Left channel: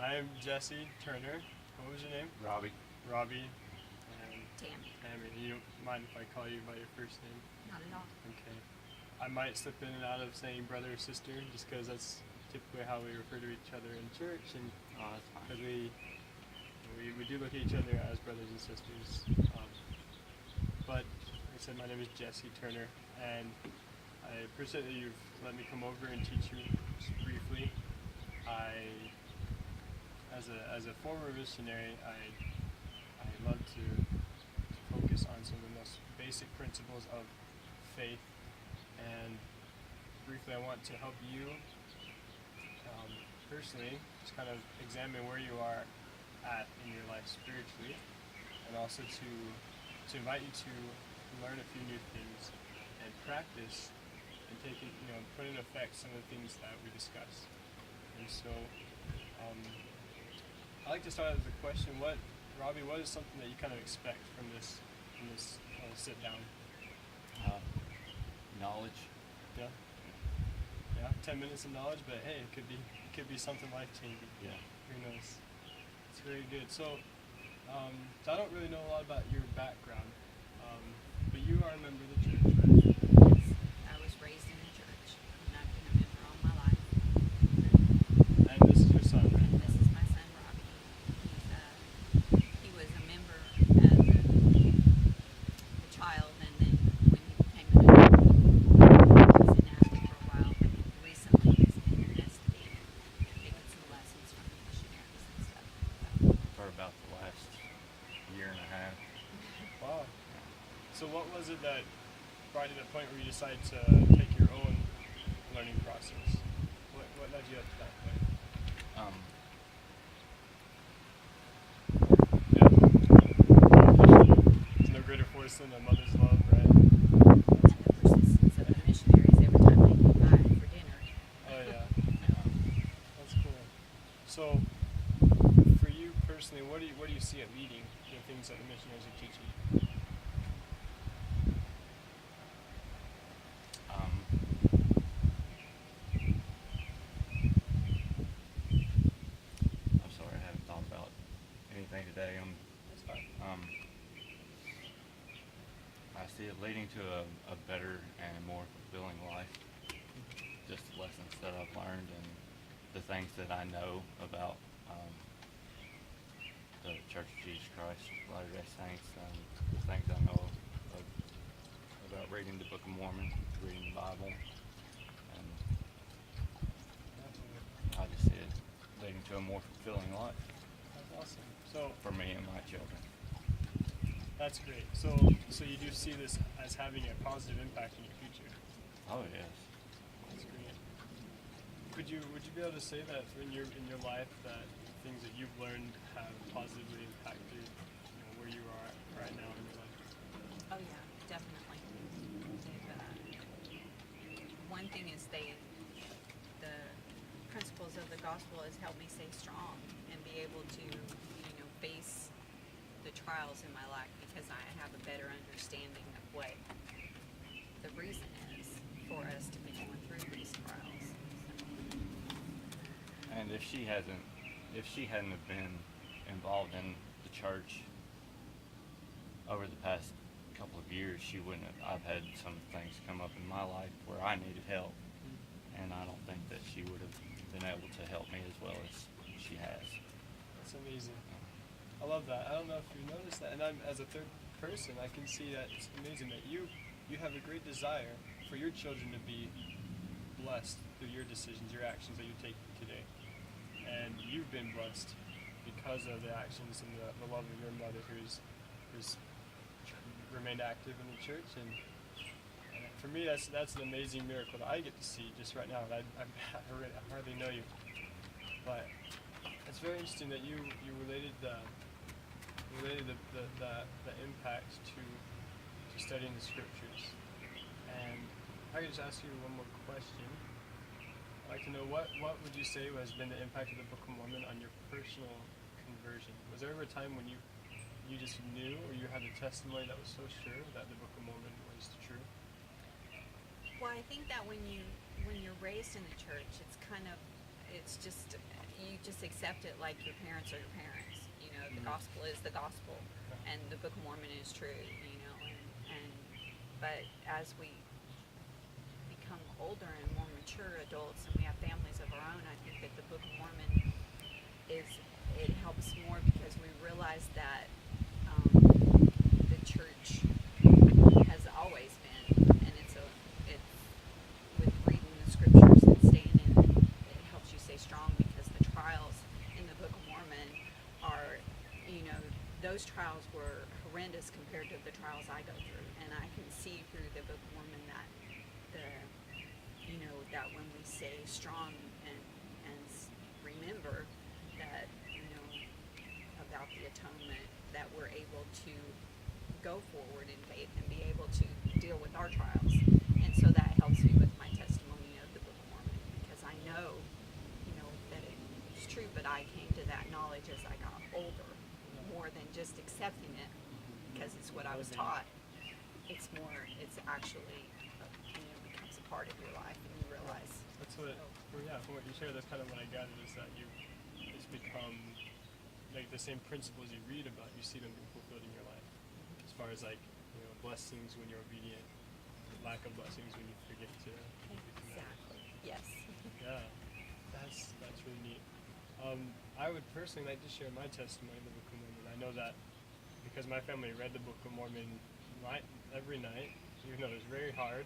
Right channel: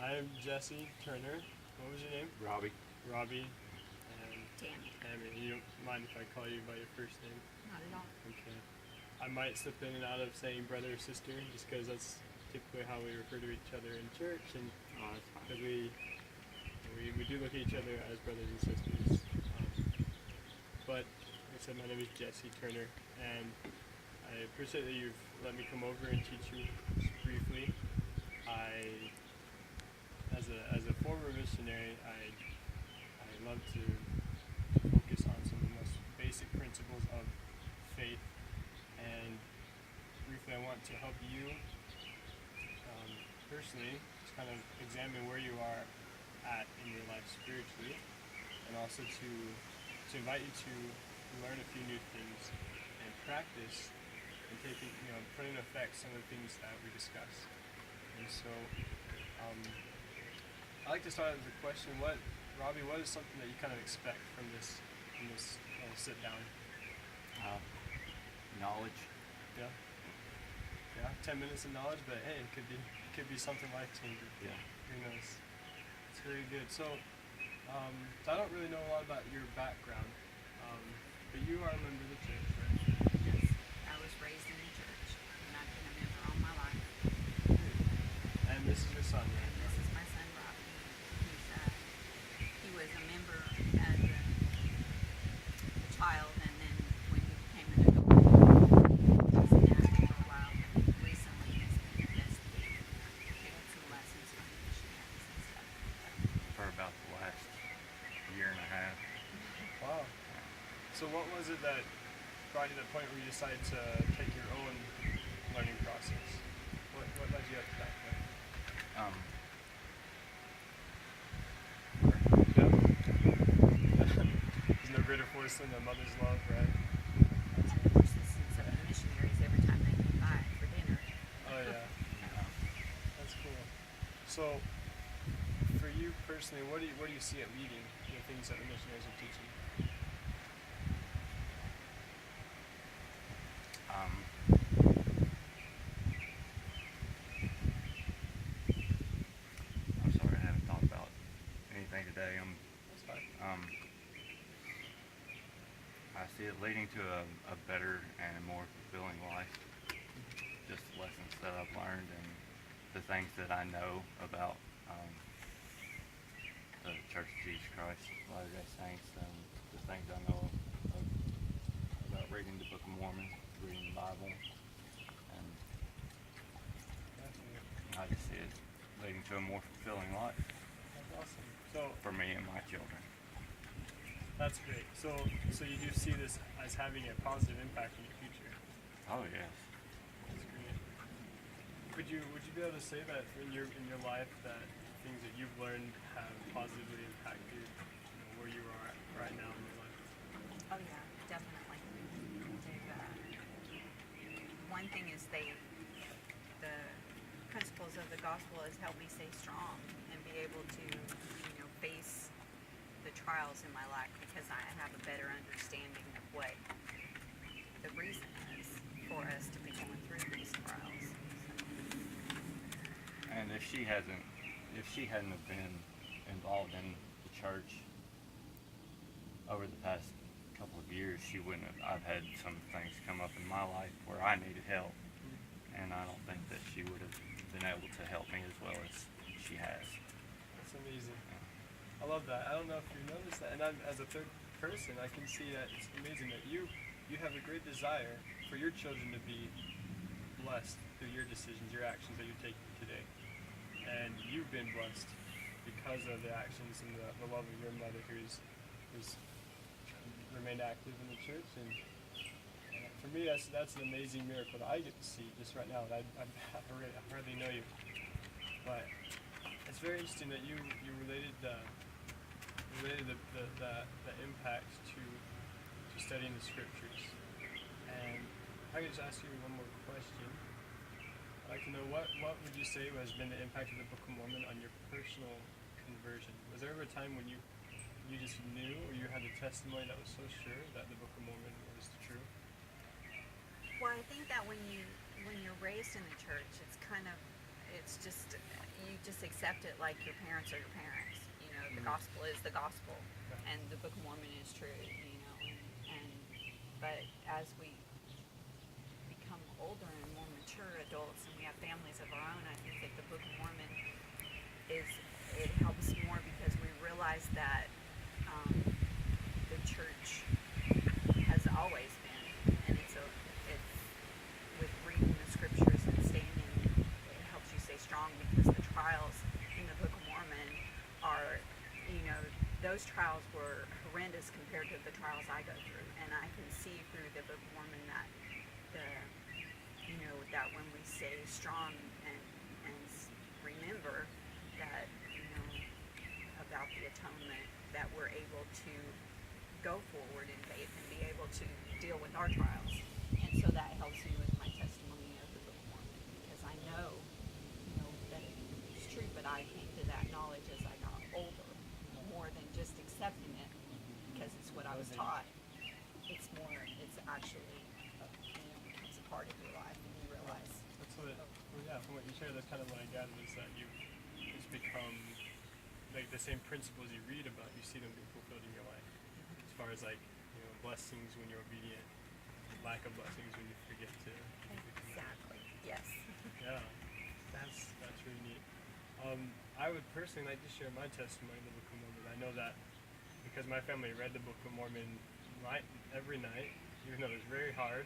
I'm Jesse Turner. What was your name? Robby. Robby. And Tammi. Tammi. You don't mind if I call you by your first name? Not at all. Okay. I might slip in and out of saying brother or sister just because that's typically how we refer to each other in church, and Oh, that's fine. because we do look at each other as brothers and sisters. But like I said, my name is Jesse Turner, and I appreciate that you've let me come over and teach you just briefly. As a former missionary, I love to focus on some of the most basic principles of faith, and briefly, I want to help you personally just kind of examine where you are at in your life spiritually, and also to invite you to learn a few new things and practice and put in effect some of the things that we discussed. And so, I like to start with a question: Robby, what is something that you kind of expect from this little sit down? Knowledge. Yeah. Yeah. 10 minutes of knowledge, but hey, it could be something life changing. Yeah. Who knows? It's very good. So I don't really know a lot about your background, but you are a member of the church, right? Yes, I was raised in the church, and I've been a member all my life. And this is your son, right? And this is my son, Robby. He was a member as a child, and then when he became an adult, he was inactive for a while, but recently he's been investigating, taking some lessons from the missionaries and stuff. For about the last year and a half. Wow. So what was it that brought you to the point where you decided to take your own learning process? What led you up to that point? Yeah. There's no greater force than a mother's love, right? And of course, some of the missionaries, every time they come by for dinner. Oh yeah. That's cool. So for you personally, where do you see it leading, the things that the missionaries are teaching you? I'm sorry, I haven't thought about anything today. That's fine. I see it leading to a better and more fulfilling life. Just the lessons that I've learned and the things that I know about the Church of Jesus Christ, Latter-day Saints, and the things I know about reading the Book of Mormon, reading the Bible, and Definitely. I just see it leading to a more fulfilling life That's awesome. So for me and my children. that's great. So you do see this as having a positive impact in your future. Oh yes. That's great. Would you be able to say that in your life that things that you've learned have positively impacted where you are at right now in your life? Oh yeah, definitely. One thing is the principles of the gospel has helped me stay strong and be able to, face the trials in my life because I have a better understanding of what the reason is for us to be going through these trials. And if she hadn't have been involved in the church over the past couple of years, she wouldn't have. I've had some things come up in my life where I needed help, and I don't think that she would have been able to help me as well as she has. That's amazing. I love that. I don't know if you noticed that, and as a third person, I can see that it's amazing that you have a great desire for your children to be blessed through your decisions, your actions that you're taking today, and you've been blessed because of the actions and the love of your mother, who's remained active in the church, and for me, that's an amazing miracle that I get to see just right now. And I hardly know you, but it's very interesting that you related the impact to studying the scriptures. And I could just ask you one more question. I'd like to know what would you say has been the impact of the Book of Mormon on your personal conversion? Was there ever a time when you just knew, or you had a testimony that was so sure that the Book of Mormon was true? Well, I think that when you're raised in the church, it's just you just accept it like your parents are your parents. You know, the gospel is the gospel, and the Book of Mormon is true. You know, and but as we become older and more mature adults, and we have families of our own, I think that the Book of Mormon it helps more because we realize that the church has always been, and it's with reading the scriptures and standing, it helps you stay strong because the trials in the Book of Mormon are, you know, those trials were horrendous compared to the trials I go through, and I can see through the Book of Mormon that that when we stay strong and remember that, you know, about the atonement, that we're able to go forward in faith and be able to deal with our trials. And so that helps me with my testimony of the Book of Mormon, because I know, you know, that it's true, but I came to that knowledge as I got older, more than just accepting it because it's what I was taught. It's actually, you know, becomes a part of your life, and you realize. That's what, from what you share, that's kind of what I gathered, is that it's become, like, the same principles you read about, you see them being fulfilled in your life. As far as, like, you know, blessings when you're obedient, lack of blessings when you forget to keep your commandments. Exactly. Yes. Yeah, that's really neat. I would personally like to share my testimony in the Book of Mormon. I know that because my family read the Book of Mormon every night, even though it's very hard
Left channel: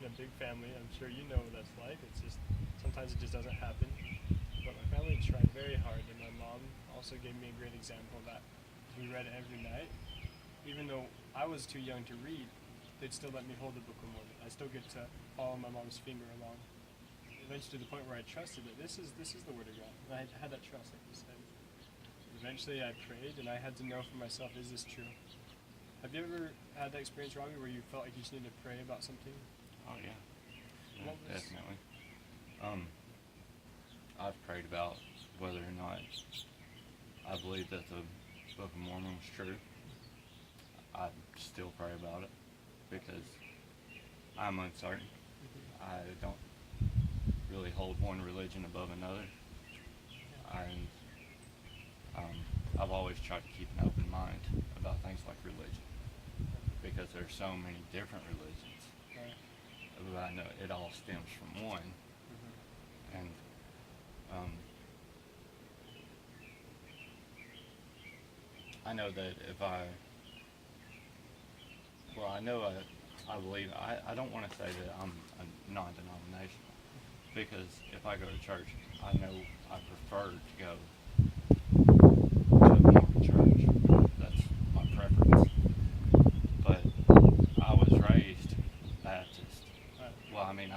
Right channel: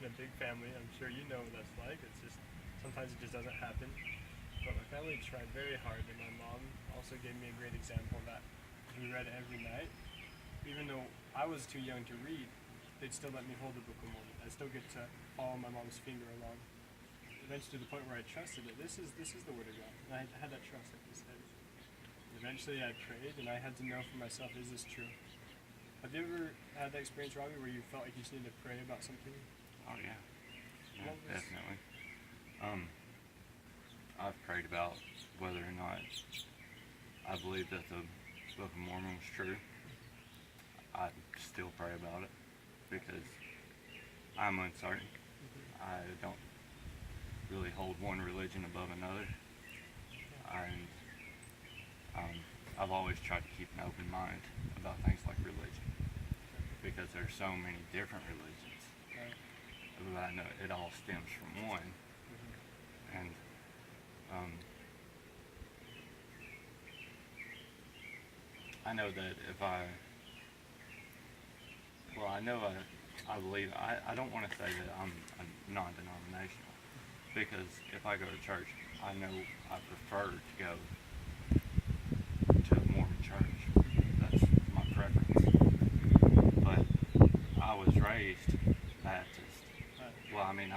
in a big family. I'm sure you know what that's like. It's just, sometimes it just doesn't happen. But my family tried very hard, and my mom also gave me a great example of that. We read every night. Even though I was too young to read, they'd still let me hold the Book of Mormon. I still get to follow my mom's finger along. Eventually to the point where I trusted that this is the Word of God. And I had that trust, like you said. Eventually I prayed, and I had to know for myself, is this true? Have you ever had that experience, Robby, where you felt like you just needed to pray about something? Oh yeah, definitely. I've prayed about whether or not I believe that the Book of Mormon was true. I still pray about it because I'm uncertain. I don't really hold one religion above another. And I've always tried to keep an open mind about things like religion, because there's so many different religions. Right. But I know it all stems from one. And I know that if I believe, I don't want to say that I'm a non-denominational, because if I go to church, I know I prefer to go to a Mormon church. That's my preference. But I was raised Baptist. Well, I mean,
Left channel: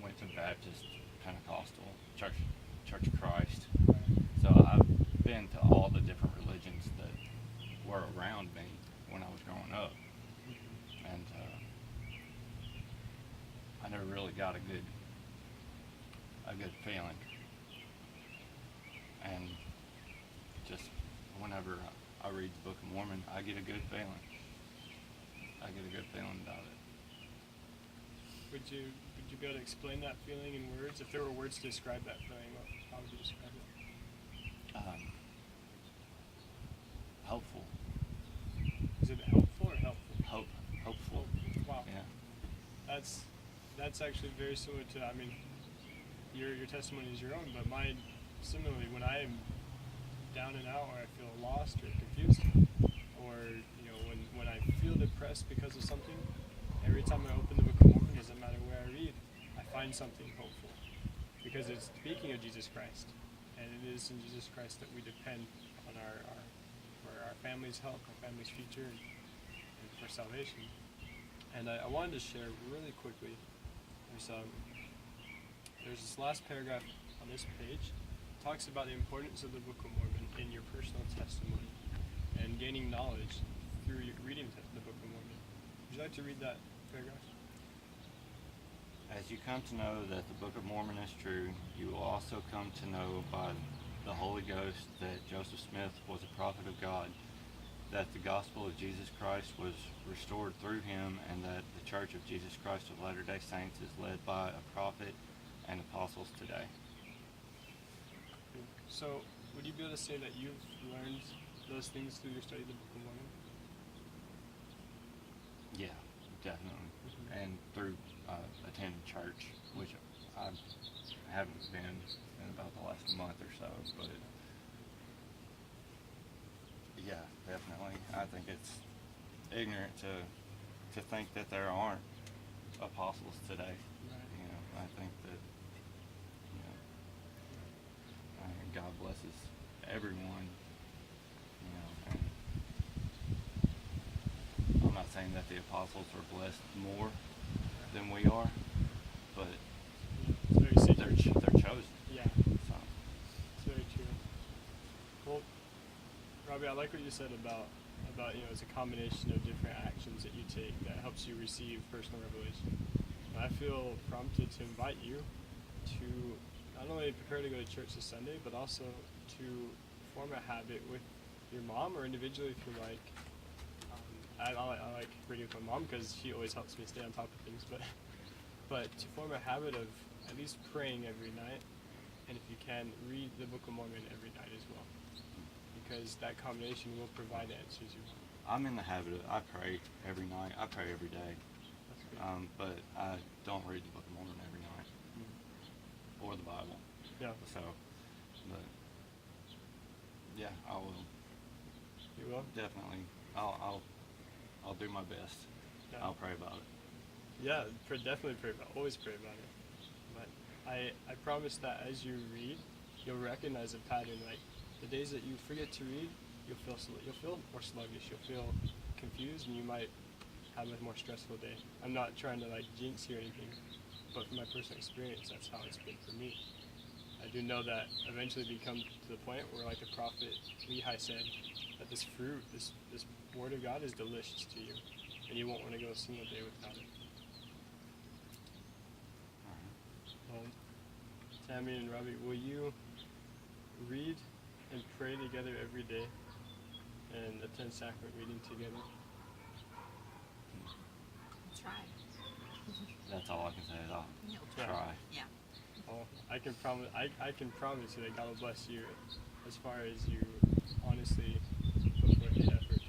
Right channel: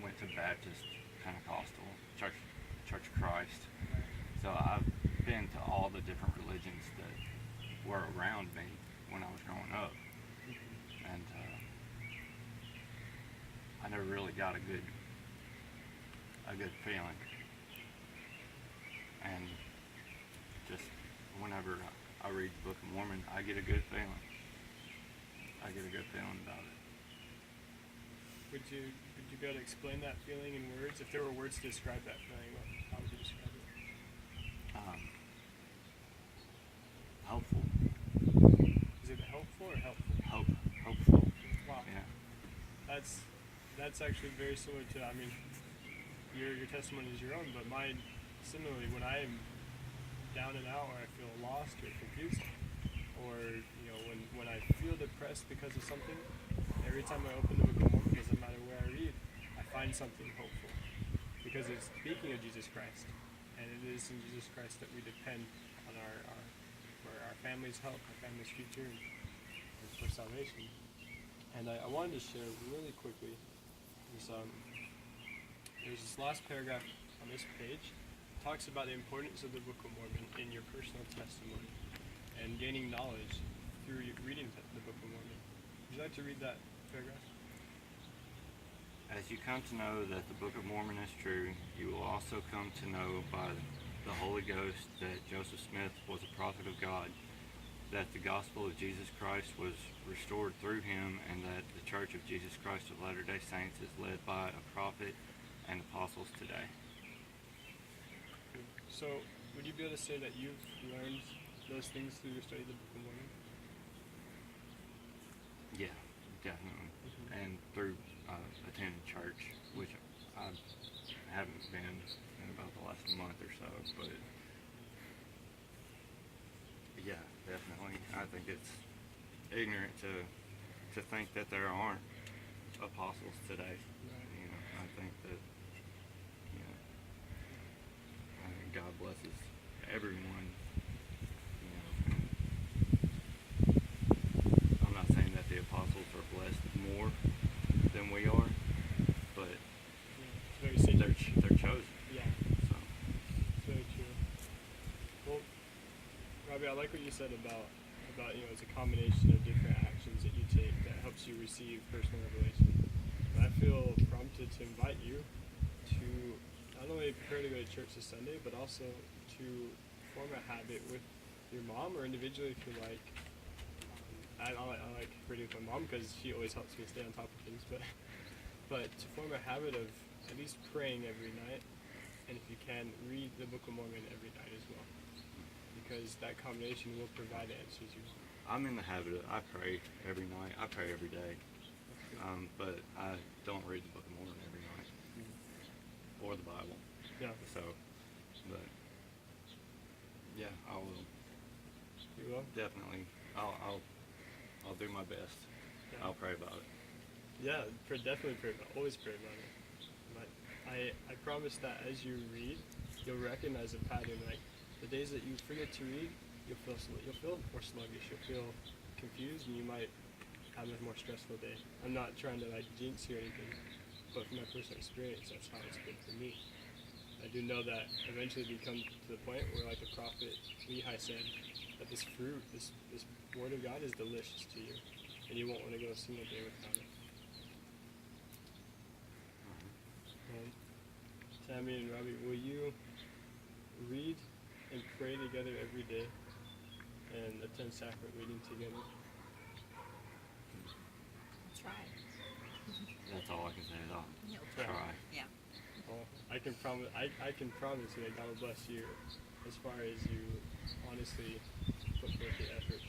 went to Baptist, Pentecostal, Church of Christ. So I've been to all the different religions that were around me when I was growing up. And I never really got a good feeling. And just whenever I read the Book of Mormon, I get a good feeling. I get a good feeling about it. Would you be able to explain that feeling in words? If there were words to describe that feeling, how would you describe it? Hopeful. Is it helpful or helpful? Hopeful. Wow. Yeah. That's actually very similar to, I mean, your testimony is your own, but mine, similarly, when I am down and out, or I feel lost or confused, or, you know, when I feel depressed because of something, every time I open the Book of Mormon, doesn't matter where I read, I find something hopeful, because it's speaking of Jesus Christ, and it is in Jesus Christ that we depend on for our family's help, our family's future, and for salvation. And I wanted to share really quickly. There's this last paragraph on this page. It talks about the importance of the Book of Mormon in your personal testimony and gaining knowledge through reading the Book of Mormon. Would you like to read that paragraph? As you come to know that the Book of Mormon is true, you will also come to know by the Holy Ghost that Joseph Smith was a prophet of God, that the gospel of Jesus Christ was restored through him, and that the Church of Jesus Christ of Latter-day Saints is led by a prophet and apostles today. So, would you be able to say that you've learned those things through your study of the Book of Mormon? Yeah, definitely. Mhm. And through attending church, which I haven't been in about the last month or so, but yeah, definitely. I think it's ignorant to think that there aren't apostles today. Right. You know, I think that, you know, God blesses everyone. You know, and I'm not saying that the apostles are blessed more than we are, but It's very they're sacred. they're chosen. Yeah, So it's very true. Well, Robbie, I like what you said about it's a combination of different actions that you take that helps you receive personal revelation. And I feel prompted to invite you to not only prepare to go to church this Sunday, but also to form a habit with your mom or individually if you like. I like reading with my mom because she always helps me stay on top of things, but to form a habit of at least praying every night, and if you can, read the Book of Mormon every night as well, because that combination will provide the answers you want. I'm in the habit of I pray every night. I pray every day, That's good. but I don't read the Book of Mormon every night or the Bible. Yeah, So, but yeah, I will you will. definitely. I'll do my best. Yeah. I'll pray about it. Yeah, definitely pray about. Always pray about it. But I promise that as you read, you'll recognize a pattern. Like the days that you forget to read, you'll feel more sluggish. You'll feel confused, and you might have a more stressful day. I'm not trying to like jinx you or anything, but from my personal experience, that's how it's been for me. I do know that eventually we come to the point where, like the prophet Lehi said, that this fruit, this word of God is delicious to you, and you won't want to go a single day without it. Tammi and Robby, will you read and pray together every day and attend sacrament meeting together? Try. That's all I can say is I'll He'll try. Yeah. Oh, I can promise. I can promise you that God will bless you as far as you honestly put forth the effort.